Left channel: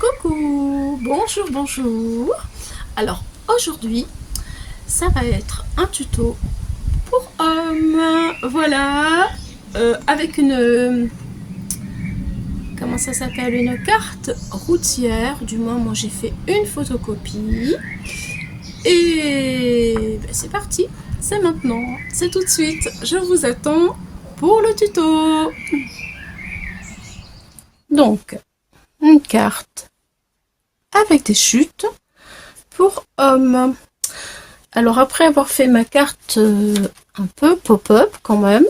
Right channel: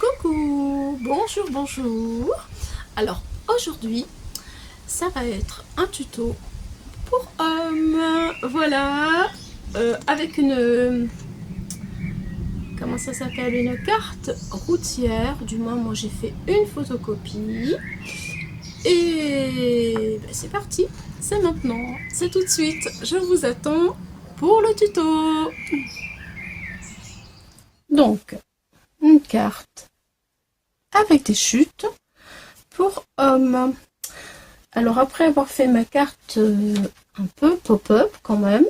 Coucou, bonjour, bonjour. Alors aujourd'hui, ça va être un tuto pour hommes. Voilà, avec une, comment ça s'appelle, une carte routière. Du moins, moi j'ai fait une photocopie. Et ben, c'est parti, c'est maintenant, c'est tout de suite. Je vous attends pour le tuto. Donc, une carte avec des chutes pour hommes. Alors après avoir fait ma carte un peu pop-up quand même,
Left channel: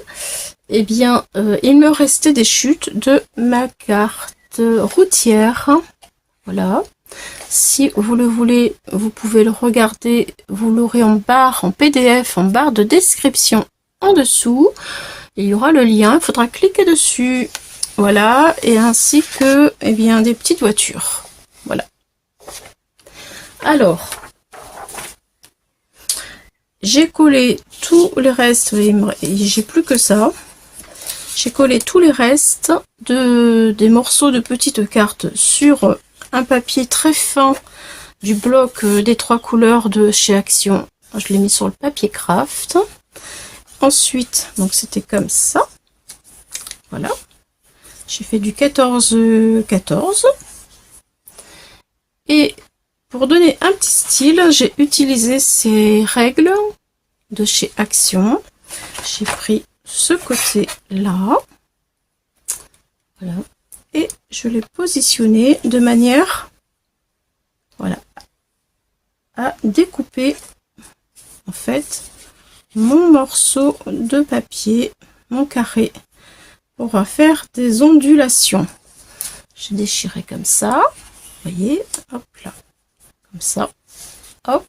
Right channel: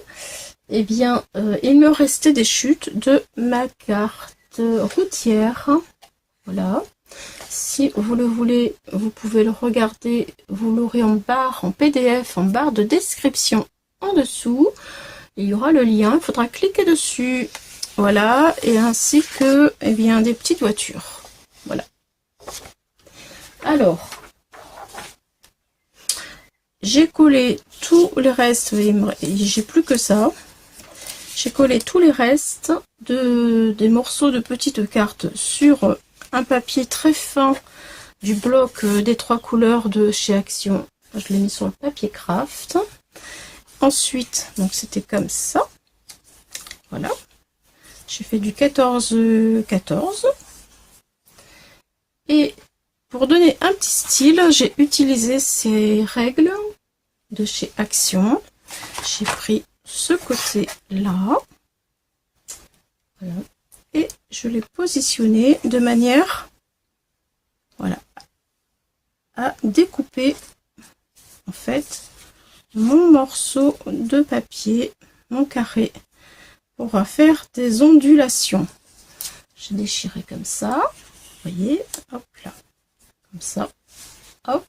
eh bien il me restait des chutes de ma carte routière. Voilà. Si vous le voulez, vous pouvez le regarder, vous l'aurez en barre, en PDF, en barre de description en dessous. Il y aura le lien, il faudra cliquer dessus. Voilà, et ainsi que eh bien, des petites voitures. Voilà. Alors, j'ai collé tout le reste, j'ai plus que ça. J'ai collé tous les restes des morceaux de petites cartes sur un papier très fin du bloc des 3 couleurs de chez Action. Je l'ai mis sur le papier craft. Ensuite, donc c'était comme ça. Voilà. J'ai fait du 14-14. Et pour donner un petit style, j'ai utilisé ces règles de chez Action. J'ai pris ce côté-là. Voilà. Et je l'ai positionné de manière, voilà, à découper en fait mon morceau de papier, mon carré, pour faire des ondulations. J'ai déchiré comme ça, vous voyez, hop là, comme ça, hop,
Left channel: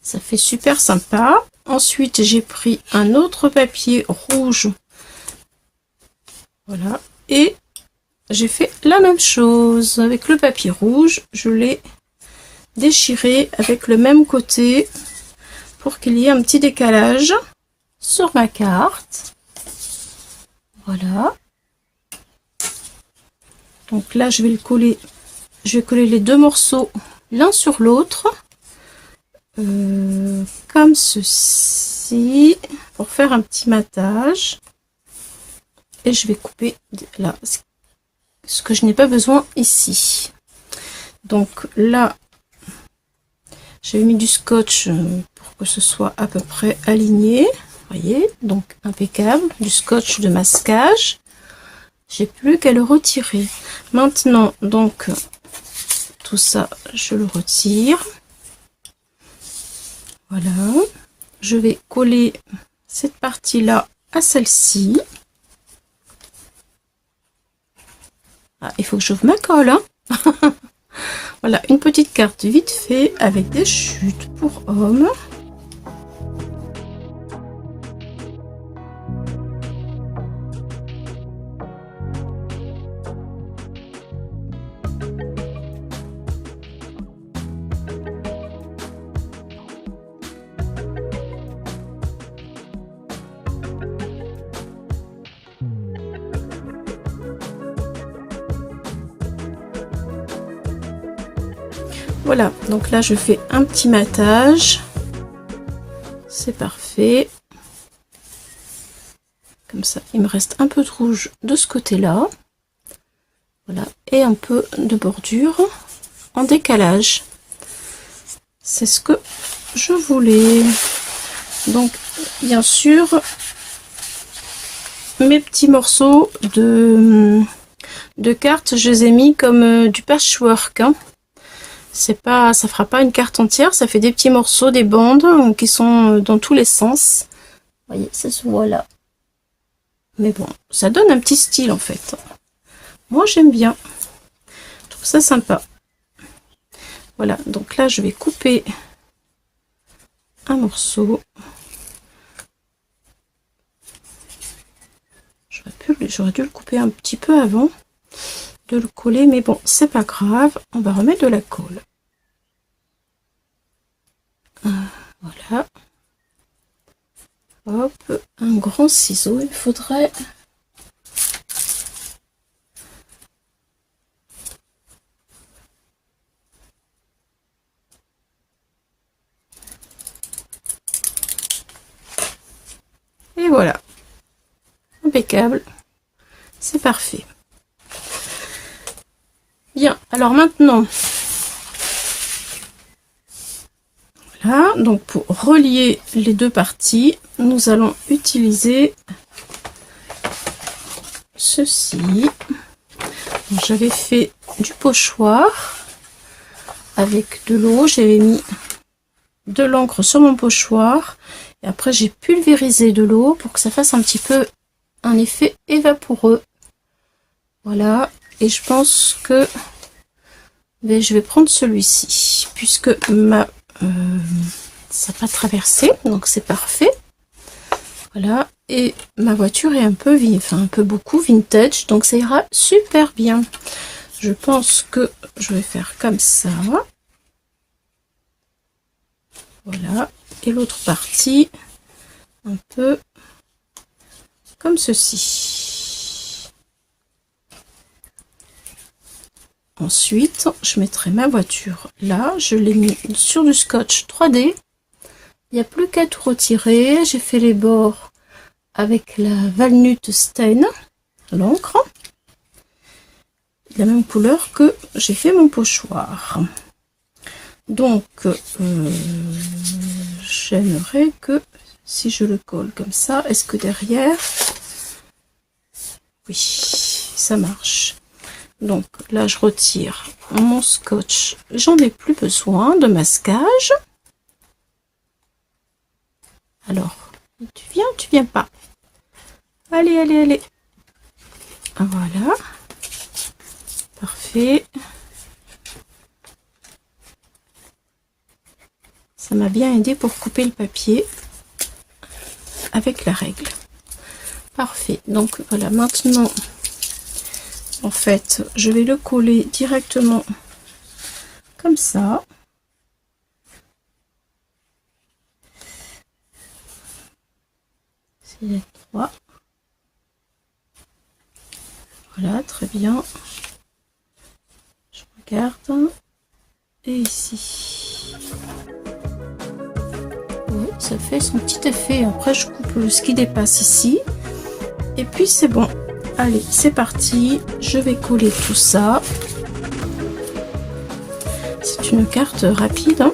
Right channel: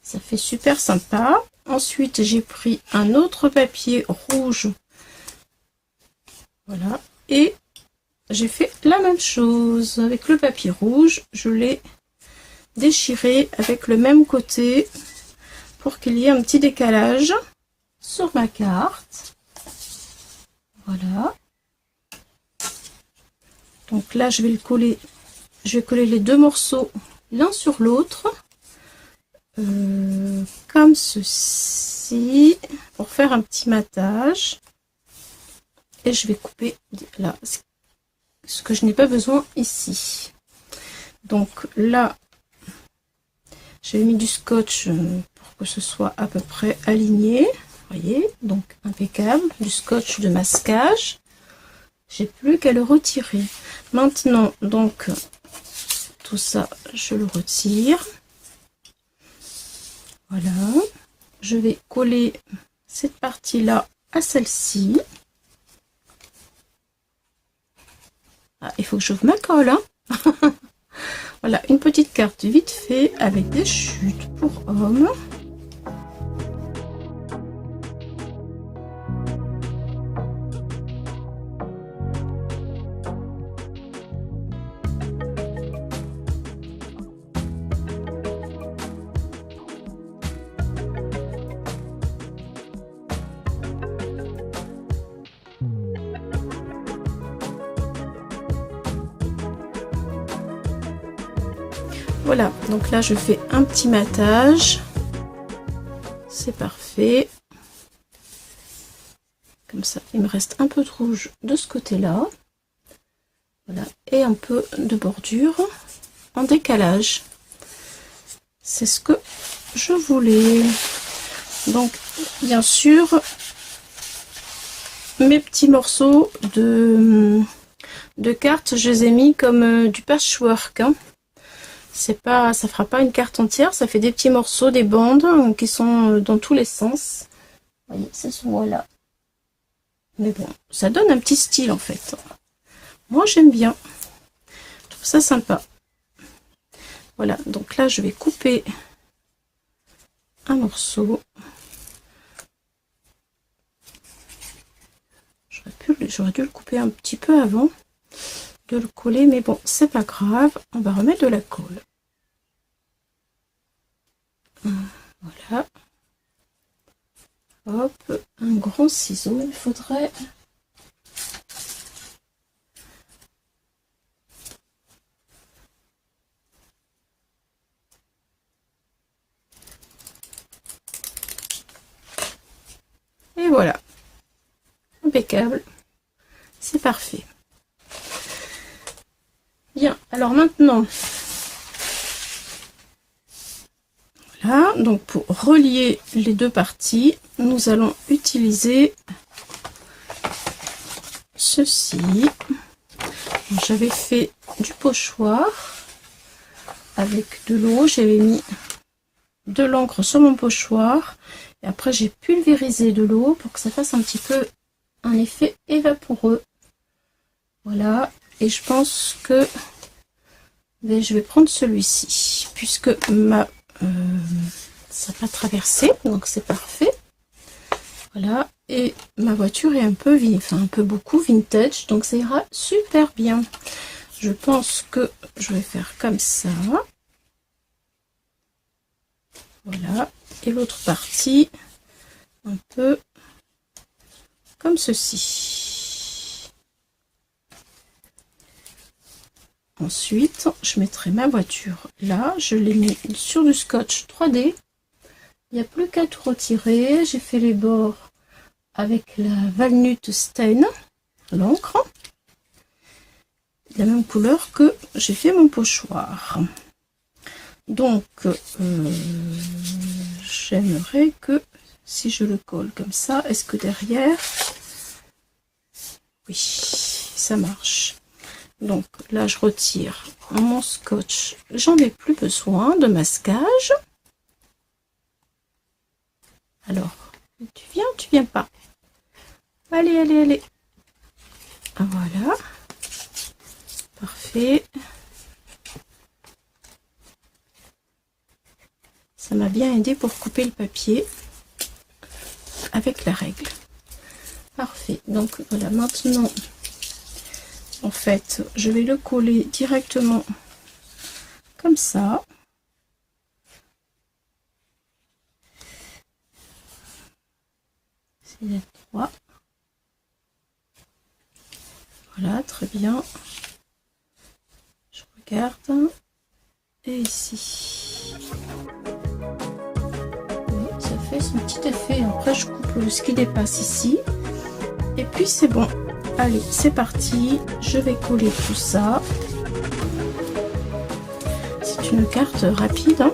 ça fait super sympa. Ensuite, j'ai pris un autre papier rouge, voilà, et j'ai fait la même chose avec le papier rouge. Je l'ai déchiré avec le même côté pour qu'il y ait un petit décalage sur ma carte. Voilà. Donc là, je vais le coller. Je vais coller les deux morceaux l'un sur l'autre, comme ceci, pour faire un petit matage. Et je vais couper là ce que je n'ai pas besoin ici. Donc là, j'ai mis du scotch pour que ce soit à peu près aligné. Vous voyez, donc impeccable. Du scotch de masquage. J'ai plus qu'à le retirer. Maintenant, donc, tout ça, je le retire. Voilà. Je vais coller cette partie-là à celle-ci. Ah, il faut que j'ouvre ma colle, hein. Voilà, une petite carte vite fait avec des chutes pour hommes. Voilà, donc là je fais un petit matage. C'est parfait. Comme ça, il me reste un peu de rouge de ce côté-là. Voilà, et un peu de bordure en décalage. C'est ce que je voulais. Donc, bien sûr, mes petits morceaux de cartes, je les ai mis comme du patchwork, hein. C'est pas, ça fera pas une carte entière, ça fait des petits morceaux, des bandes qui sont dans tous les sens. Vous voyez, ça se voit là. Mais bon, ça donne un petit style en fait. Moi j'aime bien. Je trouve ça sympa. Voilà, donc là je vais couper un morceau. J'aurais dû le couper un petit peu avant de le coller, mais bon, c'est pas grave. On va remettre de la colle. Voilà. Hop, un grand ciseau, il faudrait. impeccable. C'est parfait. Bien, alors maintenant, là, donc pour relier les deux parties, nous allons utiliser ceci. J'avais fait du pochoir avec de l'eau, j'avais mis de l'encre sur mon pochoir et après j'ai pulvérisé de l'eau pour que ça fasse un petit peu un effet évaporeux. Voilà, et je pense que je vais prendre celui-ci puisque ma ça n'a pas traversé, donc c'est parfait. Voilà, et ma voiture est un peu beaucoup vintage, donc ça ira super bien. Je pense que je vais faire comme ça. Voilà, et l'autre partie un peu comme ceci. Ensuite, je mettrai ma voiture là, je l'ai mis sur du scotch 3D. Il n'y a plus qu'à tout retirer. J'ai fait les bords avec la Walnut Stain, l'encre, la même couleur que j'ai fait mon pochoir. Donc, j'aimerais que si je le colle comme ça, est-ce que derrière, oui, ça marche. Donc là, je retire mon scotch. J'en ai plus besoin de masquage. Alors, tu viens pas. Allez, allez, allez. Voilà. Parfait. Ça m'a bien aidé pour couper le papier avec la règle. Parfait. Donc voilà, maintenant, en fait, je vais le coller directement comme ça. C'est droit. Voilà, très bien. Je regarde. Et ici. Oui, ça fait son petit effet. Après, je coupe ce qui dépasse ici. Et puis, c'est bon. Allez, c'est parti. Je vais coller tout ça. C'est une carte rapide, hein.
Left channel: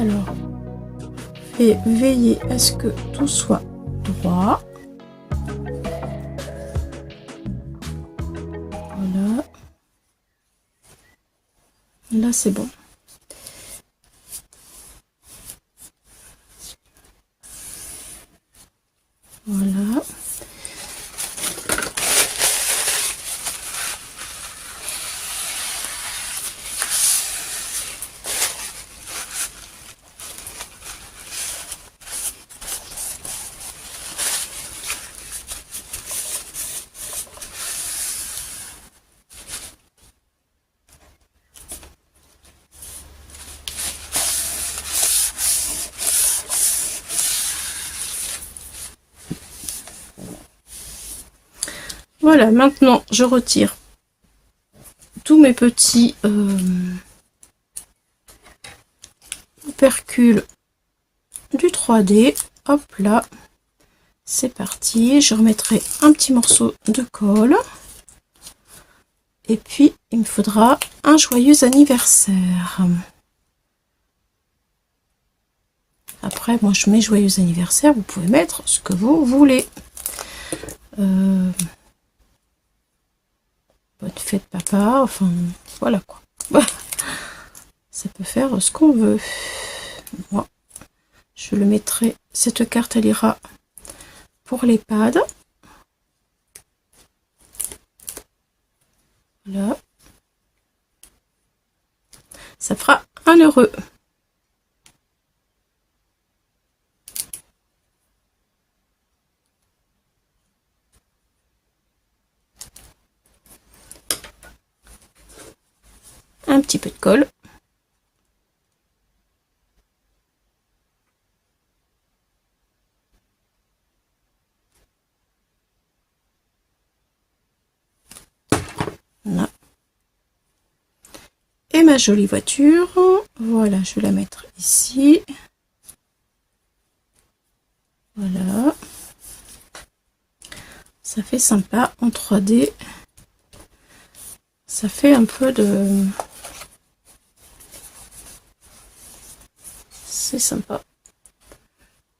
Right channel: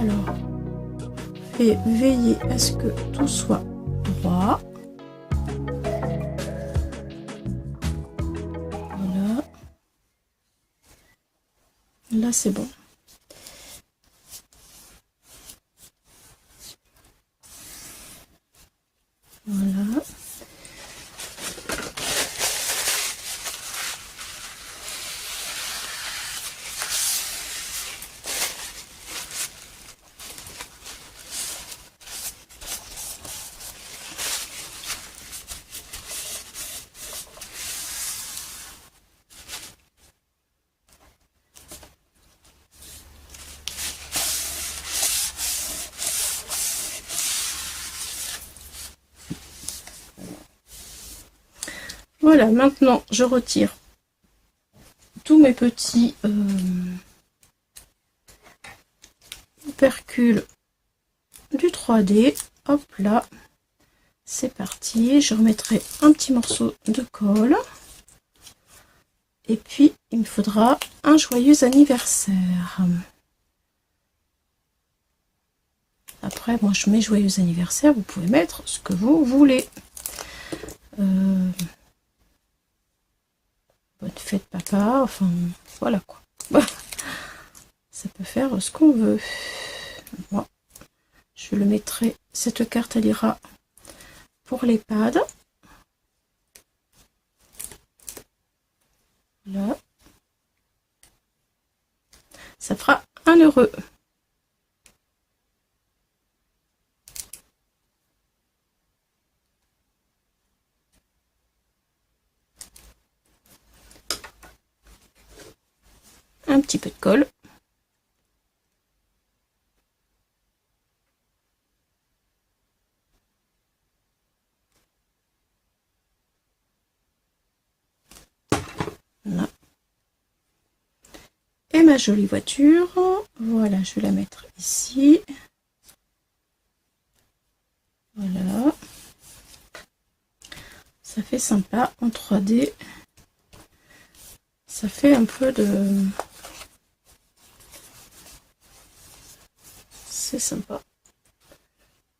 Alors, veillez à ce que tout soit droit. Voilà. Là, c'est bon. Voilà. Voilà, maintenant je retire tous mes petits opercules du 3D. Hop là, c'est parti. Je remettrai un petit morceau de colle. Et puis, il me faudra un joyeux anniversaire. Après, moi je mets joyeux anniversaire. Vous pouvez mettre ce que vous voulez. Bonne fête papa, enfin voilà quoi. Ça peut faire ce qu'on veut. Moi, je le mettrai, cette carte elle ira pour les pads. Voilà. Ça fera 1 €. un petit peu de colle. Voilà. Et ma jolie voiture, voilà, je vais la mettre ici. Voilà. Ça fait sympa en 3D. Ça fait un peu de... C'est sympa.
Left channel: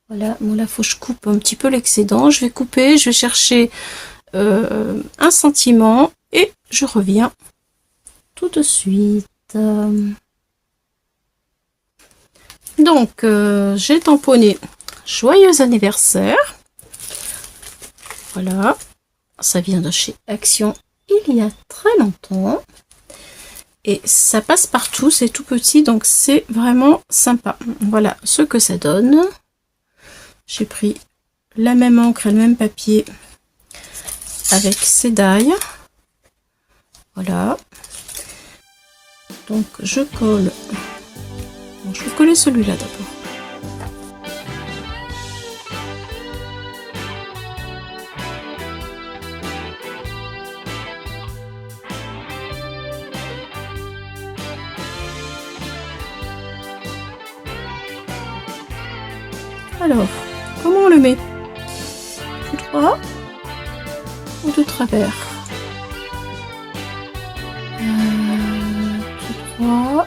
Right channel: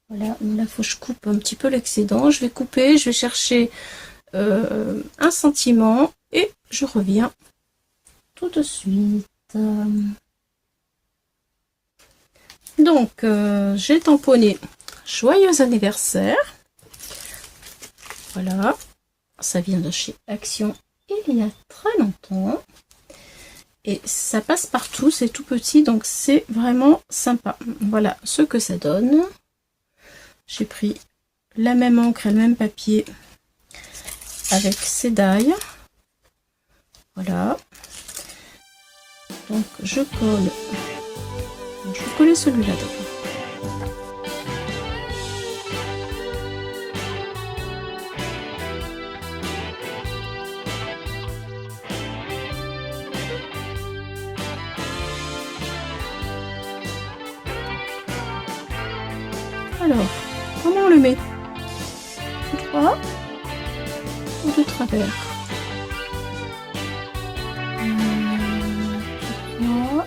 Voilà, bon là, faut que je coupe un petit peu l'excédent. Je vais couper, je vais chercher un sentiment et je reviens tout de suite. Donc, j'ai tamponné joyeux anniversaire. Voilà, ça vient de chez Action il y a très longtemps. Et ça passe partout, c'est tout petit, donc c'est vraiment sympa. Voilà ce que ça donne. J'ai pris la même encre et le même papier avec ces dailles. Voilà. Donc je colle. Bon, je vais coller celui-là d'abord. Alors, comment on le met? Tout droit ou de travers? Tout droit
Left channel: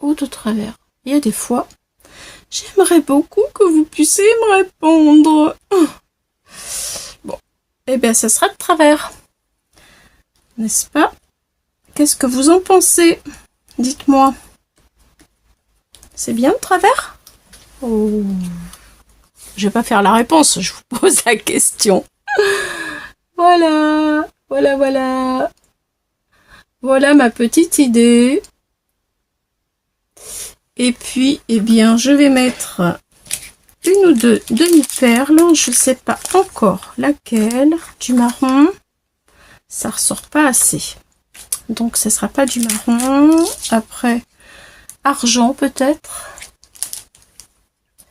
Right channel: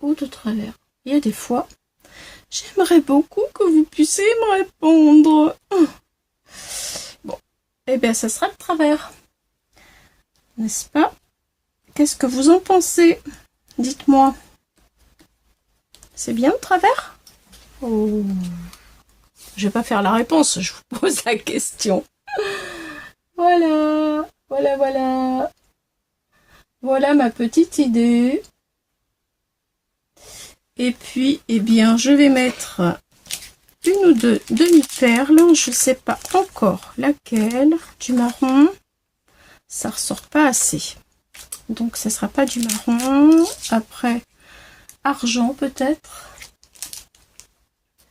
ou de travers? Il y a des fois, j'aimerais beaucoup que vous puissiez me répondre. Bon, eh bien, ça sera de travers. N'est-ce pas? Qu'est-ce que vous en pensez? Dites-moi. C'est bien de travers? Oh. Je vais pas faire la réponse, je vous pose la question. Voilà, voilà, voilà. Voilà ma petite idée. Et puis, eh bien, je vais mettre une ou deux demi-perles. Je sais pas encore laquelle. Du marron. Ça ressort pas assez. Donc, ce sera pas du marron. Après, argent peut-être.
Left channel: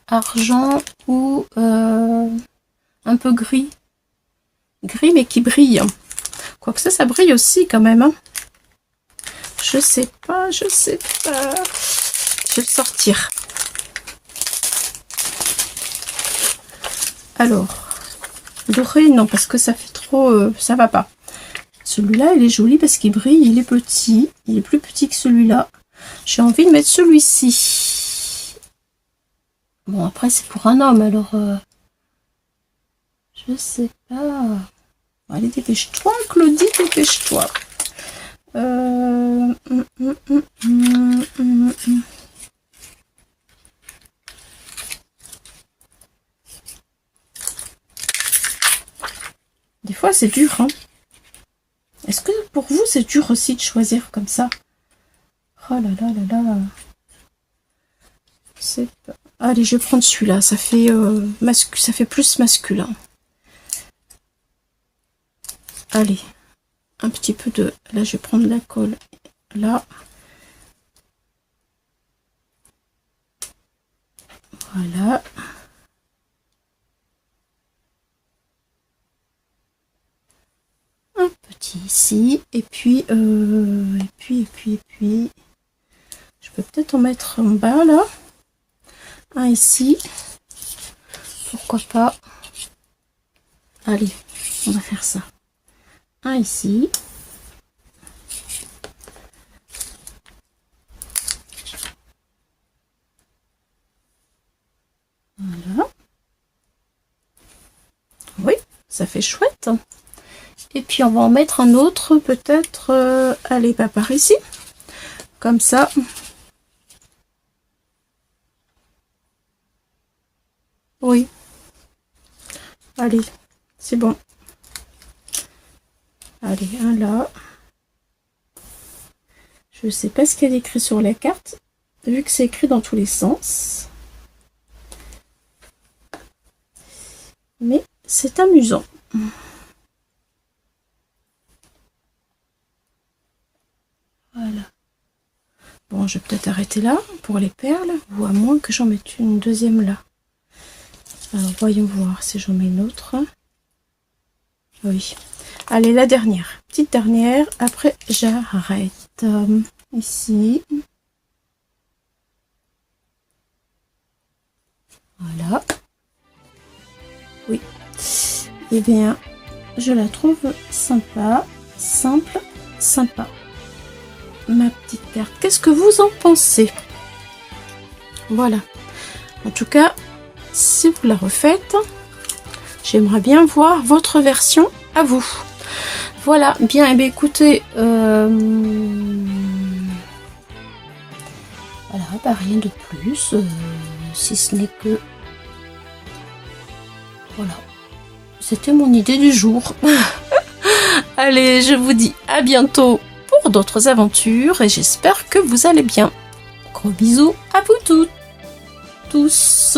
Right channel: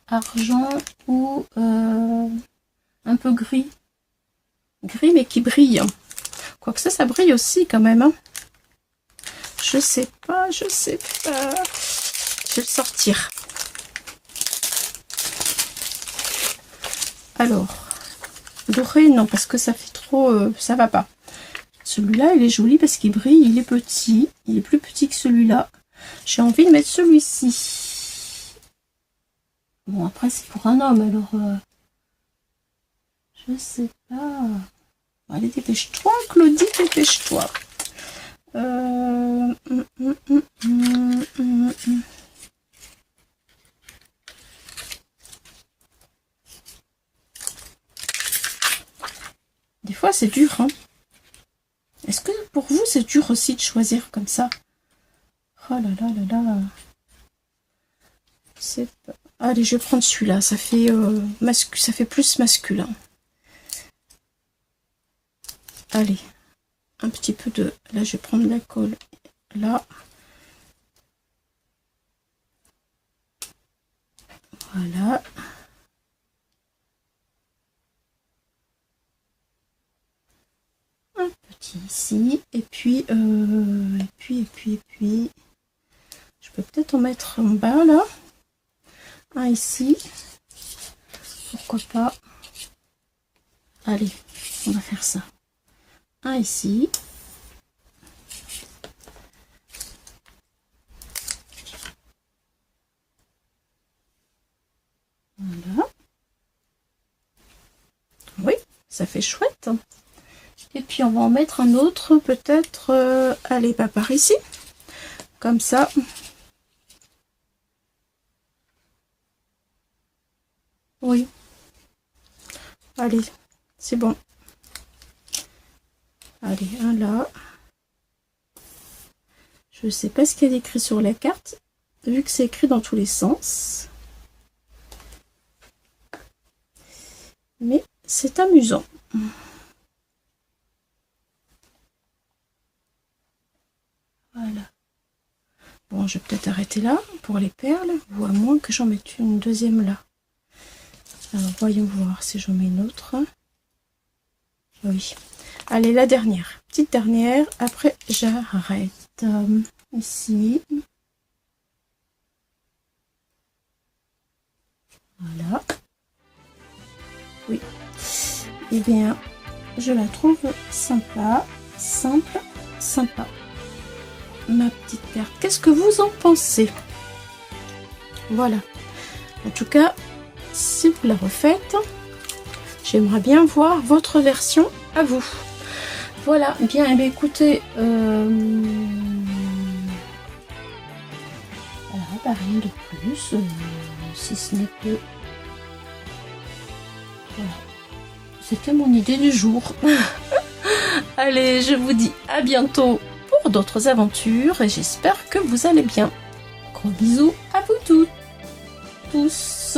Argent ou un peu gris. Gris mais qui brille. Quoique ça brille aussi quand même. Hein. Je sais pas, je sais pas. Je vais le sortir. Alors, doré, non, parce que ça fait trop... ça va pas. Celui-là, il est joli parce qu'il brille, il est petit. Il est plus petit que celui-là. J'ai envie de mettre celui-ci. Bon, après, c'est pour un homme, alors... je sais pas. Allez, dépêche-toi, Claudie, dépêche-toi. Des fois, c'est dur, hein. Est-ce que pour vous, c'est dur aussi de choisir comme ça? Oh là là là là. C'est... Allez, je vais prendre celui-là. Ça fait, ça fait plus masculin. Allez, un petit peu de... Là, je vais prendre la colle. Là. Voilà. Un petit ici. Et puis, et puis... Je peux peut-être en mettre en bas, là. Un ici. Pourquoi pas. Allez, on va faire ça. Un ici. Voilà. Oui, ça fait chouette. Et puis on va en mettre un autre, peut-être, allez, pas par ici. Comme ça. Oui. Allez, c'est bon. Allez, un là. Je ne sais pas ce qu'il y a écrit sur la carte, vu que c'est écrit dans tous les sens. Mais c'est amusant. Voilà. Bon, je vais peut-être arrêter là pour les perles, ou à moins que j'en mette une deuxième là. Alors, voyons voir si j'en mets une autre. Oui. Allez, la dernière. Petite dernière. Après, j'arrête. Ici. Voilà. Oui. Eh bien, je la trouve sympa. Simple, sympa. Ma petite perle. Qu'est-ce que vous en pensez? Voilà. En tout cas, si vous la refaites, j'aimerais bien voir votre version à vous. Voilà, bien, et bien écoutez, voilà, bah, rien de plus, si ce n'est que, voilà, c'était mon idée du jour. Allez, je vous dis à bientôt pour d'autres aventures, et j'espère que vous allez bien. Gros bisous à vous tous.